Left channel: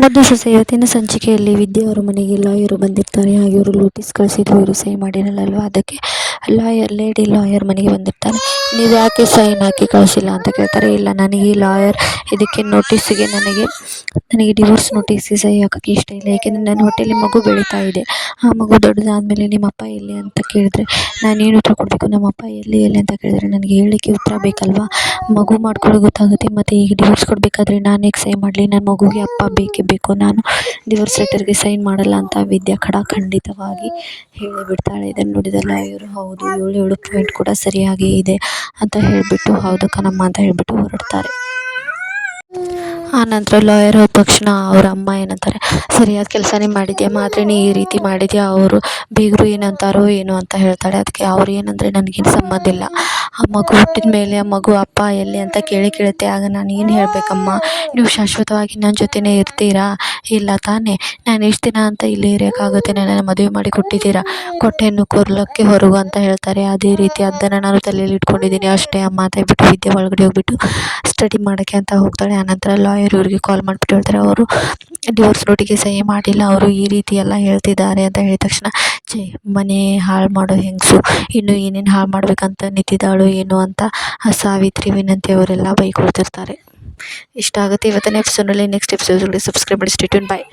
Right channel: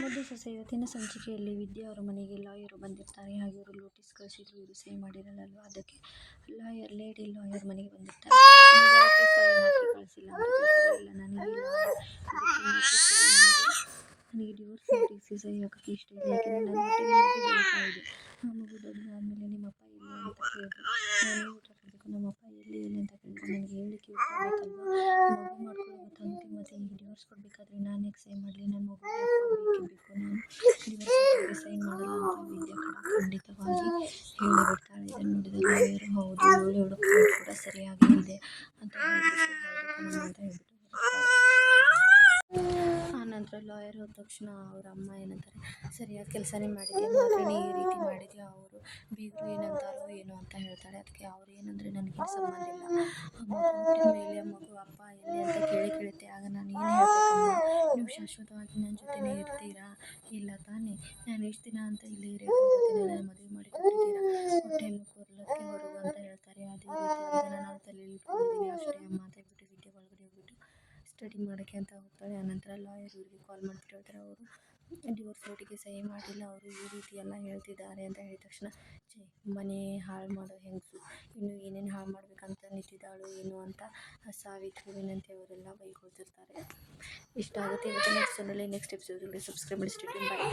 ಮುದ್ದು ಸೊಸೆ ಇವತ್ತಿನ ಸಂಚಿಕೆಯಲ್ಲಿ ವಿದ್ಯೆ ಅವರ ಮನೆಗೆ ಲಾಯರು ಬಂದಿರ್ತಾರೆ. ಹಾಗೆ ಅವರು ನೋಟಿಸ್ ಕಳಿಸಿದ್ರು, ಇವರು ಸಹಿ ಮಾಡಿರಲ್ವಾ, ಅದಕ್ಕೆ ಲೇಡಿ ಲಾಯರ್ ಮನೆಗೆ ಬಂದಿರ್ತಾರೆ. ನೀವು ಯಾಕೆ ಸೈನ್ ಹಾಕಿ ಕಳಿಸಿಲ್ಲ ಅಂತ ಕೇಳ್ತಾರೆ. ಇಲ್ಲ, ನನಗೆ ಈ ಲಾಯರ್ ಇದಕ್ಕೆ ನೋಟಿಸಿಗೆ ನನಗೆ ಡಿವೋರ್ಸ್ ನೋಟಿಸ್ಗೆ ಸಹಿ ಹಾಕೋಕ್ಕೆ ಇಷ್ಟ ಇಲ್ಲ. ಏಕೆಂದರೆ ನನ್ನ ಹೊಟ್ಟೆಯಲ್ಲಿ ಮಗು ಬೆಳೀತಾ ಇದೆ. ಆ ಮಗು ದೊಡ್ಡದಾದಮೇಲೆ ನಿಮ್ಮಪ್ಪ ಎಲ್ಲಿ ಅಂತ ಕೇಳಿದ್ರೆ ನಾನೇನು ಉತ್ತರ ಕೊಡಬೇಕು? ನಮ್ಮಪ್ಪ ಎಲ್ಲಿ ಅಂತ ಕೇಳಿದ್ರೆ ನನಗೆ ಹೇಳಲಿಕ್ಕೆ ಉತ್ತರ ಬೇಕಲ್ವಾ? ಮಗು ಮಾಡ್ಕೊಳ್ಳೋ ಗೊತ್ತಾಗುತ್ತೆ. ಮತ್ತು ಈಗ ಡಿವೋರ್ಸ್ ಕೊಡಬೇಕಾದ್ರೆ ನಾನು ಹೇಗೆ ಸೈನ್ ಮಾಡಲಿ? ನನ್ನ ಮಗುಗೆ ಅಪ್ಪ ಬೇಕೇ ಬೇಕು. ನಾನು ಡಿವೋರ್ಸ್ ಲೆಟರ್ಗೆ ಸೈನ್ ಮಾಡಲ್ಲ ಅಂತ ವಿದ್ಯಾ ಖಂಡಿತವಾಗಿ ಹೇಳಿಬಿಡ್ತಾಳೆ. ಇದನ್ನು ನೋಡಿದ ಲಾಯರು, ಹೌದು, 7 ಪಾಯಿಂಟ್ ಕೂಡ ಸರಿಯಾಗಿ ಇದೆ ಅಂತ ಹೇಳಿಬಿಟ್ಟು, ಹೌದು ಕಣಮ್ಮ ಅಂತ ಹೇಳಿಬಿಟ್ಟು ಹೊರಡ್ತಾರೆ. ಆ ನಂತರ ಲಾಯರ್ ಹೋದ ತಕ್ಷಣ ಅವ್ರ ಅಮ್ಮ ಏನಂತಾರೆ, ಸರಿಯಾದ ಕೆಲಸನೇ ಮಾಡಿದ್ಯಾ, ಮಾತ್ರ ನೀ ಈ ರೀತಿ ಮಾಡಿದ್ಯಾ, ಅವರು ಬೀಗರು ಏನಂತಾರೋ ಏನು ಅಂತ ಹೇಳ್ತಾಳೆ. ಅದಕ್ಕೆ ಅವ್ರು ಏನಂದರೆ ನನಗೇನು ಸಂಬಂಧ ಇಲ್ಲ, ಆ ಮಗು ಹುಟ್ಟಿದ ಮೇಲೆ ಆ ಮಗು ಅಪ್ಪ ಎಲ್ಲಿ ಅಂತ ಕೇಳುತ್ತೆ. ಆಗ ನಾನು ಏನು ಹೇಳಬೇಕಮ್ಮ? ನೀವು ಶಾಶ್ವತವಾಗಿ ನನ್ನ ಜೊತೆನೇ ಇರ್ತೀರಾ? ಇಲ್ಲ ತಾನೇ? ನಾನು ಎಷ್ಟು ದಿನ ಅಂತ ಇಲ್ಲಿ ಇರೋಕ್ಕಾಗುತ್ತೆ? ನನ್ನನ್ನು ಮದುವೆ ಮಾಡಿ ಕೊಟ್ಟಿದ್ದೀರಾ, ಕೊಟ್ಟೆಯನ್ನು ಕೊರ್ಲಕ್ಕೆ ಹೊರಗು ಅಂತ ಹೇಳ್ತಾರೆ. ಅದೇ ರೀತಿ ಅದನ್ನು ನಾನು ತಲೆಯಲ್ಲಿ ಇಟ್ಕೊಂಡಿದ್ದೀನಿ ಅಷ್ಟೇ ಅಮ್ಮ ಅಂತ ಹೇಳ್ಬಿಟ್ಟು ವಿದ್ಯೆ ಒಳಗಡೆ ಹೋಗ್ಬಿಟ್ಟು ಸ್ಟಡಿ ಮಾಡೋಕ್ಕೆ ಅಂತ ಹೋಗ್ತಾಳೆ. ಆನಂತರ ಲಾಯರ್ ಇವರಿಗೆ ಕಾಲ್ ಮಾಡಿಬಿಟ್ಟು ಹೇಳ್ತಾರೆ, ಅವರು ಡಿವೋರ್ಸ್ ನೋಟಿಗೆ ಸಹಿ ಮಾಡಿಲ್ಲ, ಅವರು ಈ ರೀತಿ ಎಲ್ಲ ಹೇಳ್ತಿದ್ದಾರೆ ಅಂತ ಹೇಳಿದ ತಕ್ಷಣ, ಮನೆ ಹಾಳು ಮಾಡೋ ಹೆಂಗಸು, ಇನ್ನು ಏನೇನು ಹಾಳು ಮಾಡ್ಬೇಕಂತ ನಿಂತಿದ್ದಾಳು ಏನು ಅಂತ ಸಾವಿತ್ರಿ, ವಿನಂತಿ ಅವರೆಲ್ಲ ಬೈಕೊಳ್ತಿರ್ತಾರೆ. ಇಷ್ಟ ಆಗುತ್ತೆ ಇವತ್ತಿನ ಎಪಿಸೋಡ್ನಲ್ಲಿ. ನೆಕ್ಸ್ಟ್ ಎಪಿಸೋಡ್ಗೆ ಸಬ್ಸ್ಕ್ರೈಬ್ ಮಾಡಿ. Stay tune. ಬಾಯ್.